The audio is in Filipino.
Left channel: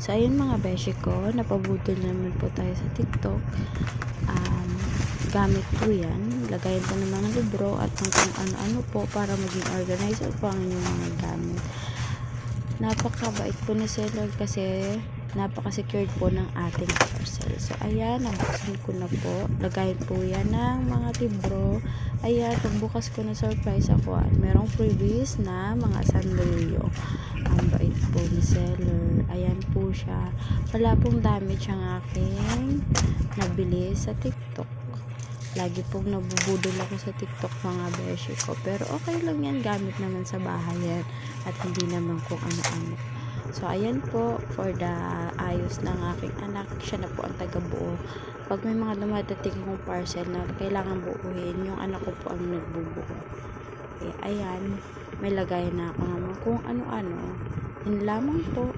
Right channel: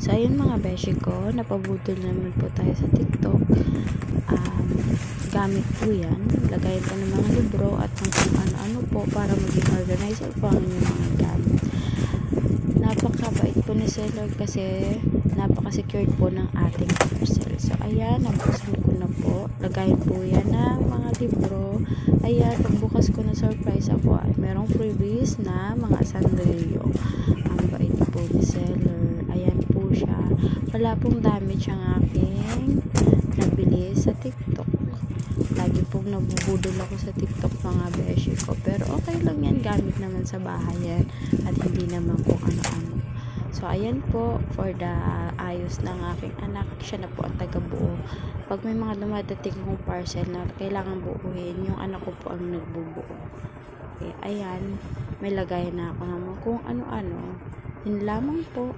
So, ayun mga beshi ko, napabudol naman po tayo sa TikTok. Gamit po yan. Lagayin po ng mga libro at ng kung ano-ano po para maging organizer po ang inyong mga gamit. Napakabait po ni seller kasi napaka-secured po ng ating parcel. So, ayan, nabuksan ko na po. Lagayin po yan ng mga libro. Ayan, pagbukas ko na surprise ako at merong freebies na mga sandrilyo. Ang bait po ni seller. Ayan po siya. Wala pong damage ang aking nabili sa TikTok. Lagi pong nabubudol ako sa TikTok mga beshi ko. Pero okay lang yan. Gamit naman sa bahay yan. At hindi naman kung ano-ano. So, ayan po. For the ayos ng aking anak. Siya na po ang taga-buo. Pag may mga dumadating kong parcel na kailangan buuhin, yung anak ko po ang nagbubuo. Okay, ayan. May lagay na ako naman kung ano-ano. Yun lamang po.